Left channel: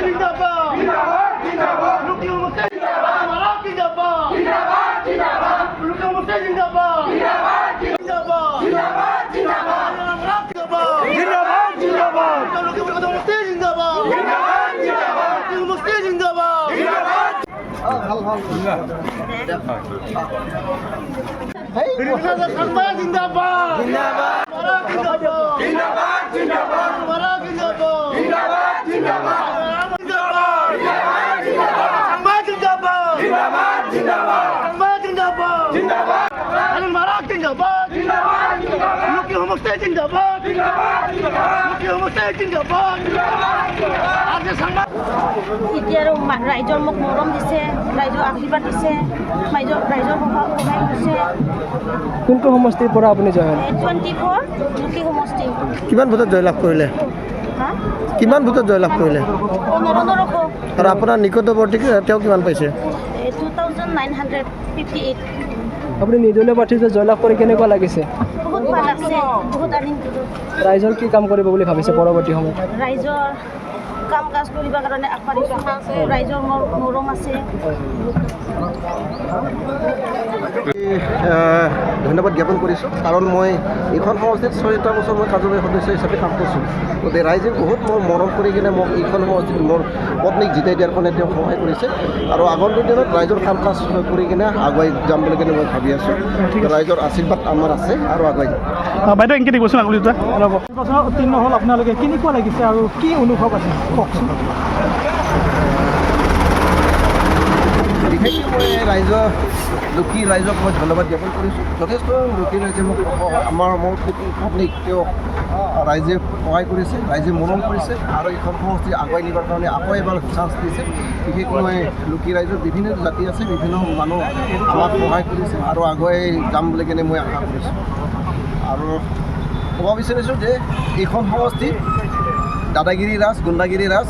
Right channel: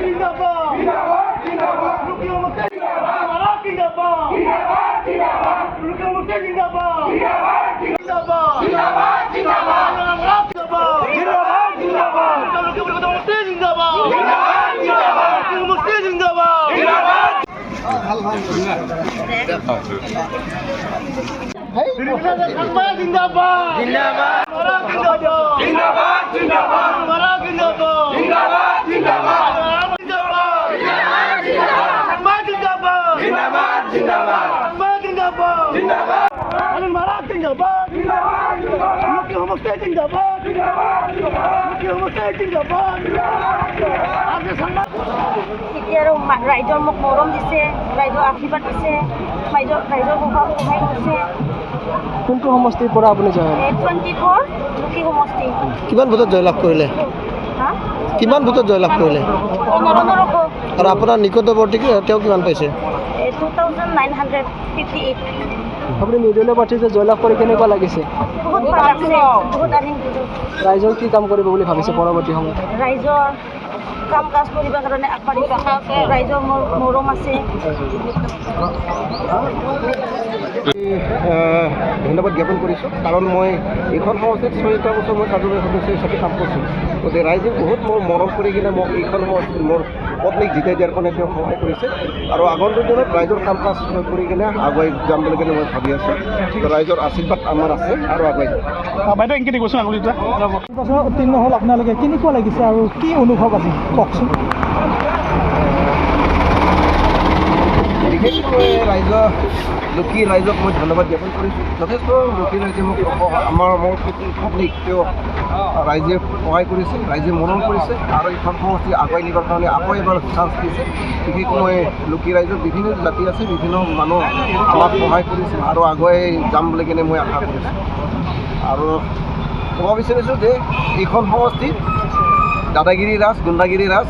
जिंदाबाद जिंदाबाद लुकी मुक्ति जिंदाबाद जिंदाबाद जिंदाबाद लुकी मुक्ति जिंदाबाद जिंदाबाद जिंदाबाद जिंदाबाद जिंदाबाद जिंदाबाद जिंदाबाद लुकी मुक्ति जिंदाबाद जिंदाबाद जिंदाबाद लुकी मुक्ति जिंदाबाद जिंदाबाद जिंदाबाद जिंदाबाद जिंदाबाद जिंदाबाद जिंदाबाद जिंदाबाद जिंदाबाद जिंदाबाद जिंदाबाद जिंदाबाद المراك जिंदाबाद लुकी मुक्ति जिंदाबाद लुकी मुक्ति जिंदाबाद আজি সংবাদ এতিয়া আৰু ৰাইজৰ মোক মৰম দিছে, ৰাইজৰ আশীৰ্বাদ দিছে, ৰাইজৰ সহায় কৰিছে। কোনটো সমষ্টিৰ পৰা আপুনি জয় 24 লুকি সমষ্টি। কিমান ভোটত জয়লাভ কৰিলে? কিমান ভোটত জয়লাভ কৰিলে? আৰু আপোনাৰ নিকটৱৰ্তী তেওঁ কিমান পাইছে? 2958। আপুনি নিৰ্দলীয় প্ৰাৰ্থীতে জয়লাভ কৰি কেনেকুৱা লাগিছে? বহুত ভাল লাগিছে, বহুত আনন্দিত। ৰাইজৰ কি কাম কৰিব বুলি ভাবিছে পৰৱৰ্তী সময়ত? ৰাইজৰ কাম কাজ কৰিবৰ কাৰণে আগবাঢ়িব, ৰাইজৰ মৰম আছে। ধন্যবাদ জ্ঞাপন কৰিছোঁ, কাৰণ মই এইখন সমষ্টিত 6টা বছৰ মই কাৰ্যবাহী সদস্য হিচাপে কাম কৰিছোঁ। গতিকে ৰাইজে বহুত মোৰ মৰম কৰি কিনে মোক এইখন সমষ্টিত মোৰ পত্নীক জিতাই দিয়াৰ কাৰণে তেওঁ সহায় কৰিছে, আৰু আগন্তুক দিনত ৰাইজৰ কাম কাজ কৰি কিনে আগুৱাই যাম বুলি কিনে মই ভাবি আছোঁ। ৰাইজৰ আশীৰ্বাদ আমাৰ আছে আৰু আগুৱাই যাম। বাইদেউ এনেকৈ দিবচোন আঙুলিটা। বছৰ উত্তীৰ্ণ হ'ল আপোনালোকে, কেনেকুৱা লাগিছে আৰু কি অনুভৱ আছে কওকচোন। বিশেষকৈ মই লুকি ৰাইজক মই ধন্যবাদ জ্ঞাপন কৰিছোঁ। যথেষ্ট লুকি ৰাইজে মোক মোৰ পত্নীক তেওঁ ৰাইজে সহায় কৰিছে, ৰাইজে মৰম কৰিছে, আৰু এইখন সমষ্টি আগুৱাই নিবৰ কাৰণে আকৌ এবাৰ চান্স দিছে। বিশেষকৈ মই লুকি ৰাইজৰ বিভিন্ন জাতি আছে, বিভিন্ন মানুহ আমাক সহায় কৰিছে আৰু আগুৱাই যাম বুলি কিনে মই আশা কৰিছোঁ। আৰু ক'ব বিচাৰিছোঁ যে এইখন সমষ্টিত দাদাগিৰি ৰাজ, গুণ্ডাগিৰি ৰাজ,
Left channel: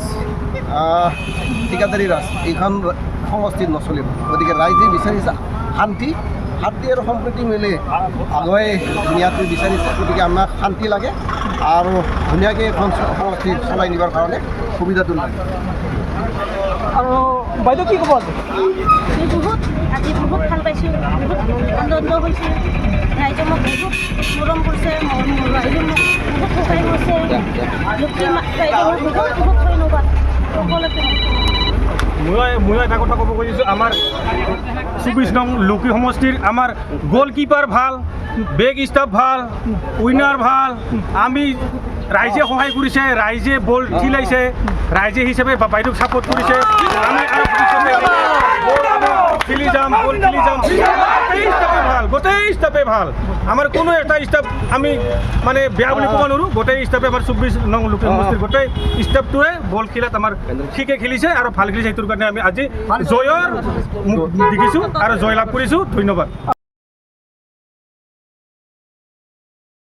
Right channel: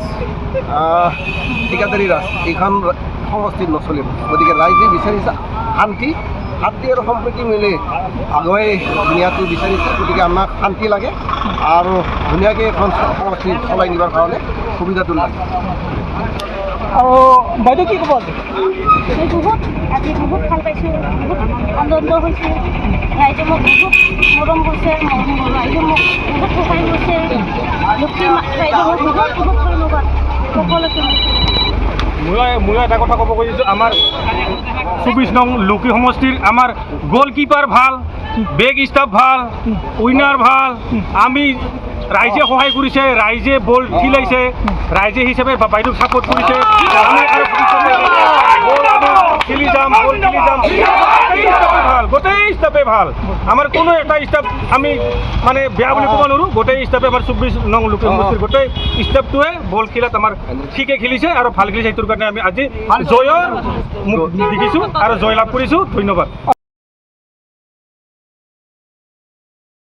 ঠিকাদাৰী ৰাজ এইখন সমষ্টিত নচলিব। গতিকে ৰাইজে বিচাৰিছে শান্তি আৰু সম্প্ৰীতি মিলি আগুৱাই নিয়াটো বিচাৰিছে। গতিকে আমাক শান্তি লাগে আৰু ধুনীয়াকৈ এখন সমষ্টি চলাই নিবৰ কাৰণে সুবিধাটো লাগে। আৰু বাইদেউ কি ক'ব আজি? আজি বহুত ভাল পাইছোঁ, বহুত আনন্দ হৈছে। ৰাইজে মোক বহুত মৰম কৰিছে, ৰাইজে মোক বহুত সহায় কৰিছে। লুকি ৰাইজে মোক বহুত ধন্যবাদ সকলোকে। ময়ো এটা কথা ক'ব খুজিছোঁ, আমাৰ 24 নং লুকি সমষ্টিৰ আমাৰ গ'লকিপাৰ ভাল, বেগ ষ্টাফ ভাল, উইনাৰ ভাল। আমি ৰাইজে সহায় কৰিছে, ৰাইজে বল ঠিলাইছে, ৰাইজে হিচাপে বাইদেউক ছাপোৰ্ট কৰিছে। আমি আৰু বল আমি খেলি যাম, গোটেই ষ্টাফে ভাল। আমাৰ কোনো এটা ষ্টাফ আমি মানে বেয়া বুলি ক'ব নোৱাৰোঁ। গোটেই ষ্টাফে আমাৰ 24 নং লুকি সমষ্টিৰ গোটেই ষ্টাফটোৱে বল খেলাত আমাৰ ঠিকে খেলিছে আৰু ভাল খেলিছে। সেইটোৰ কাৰণে আমি আজি জয়ৰ দেখিছোঁ আৰু জয়লাভ কৰিছোঁ। ধন্যবাদ।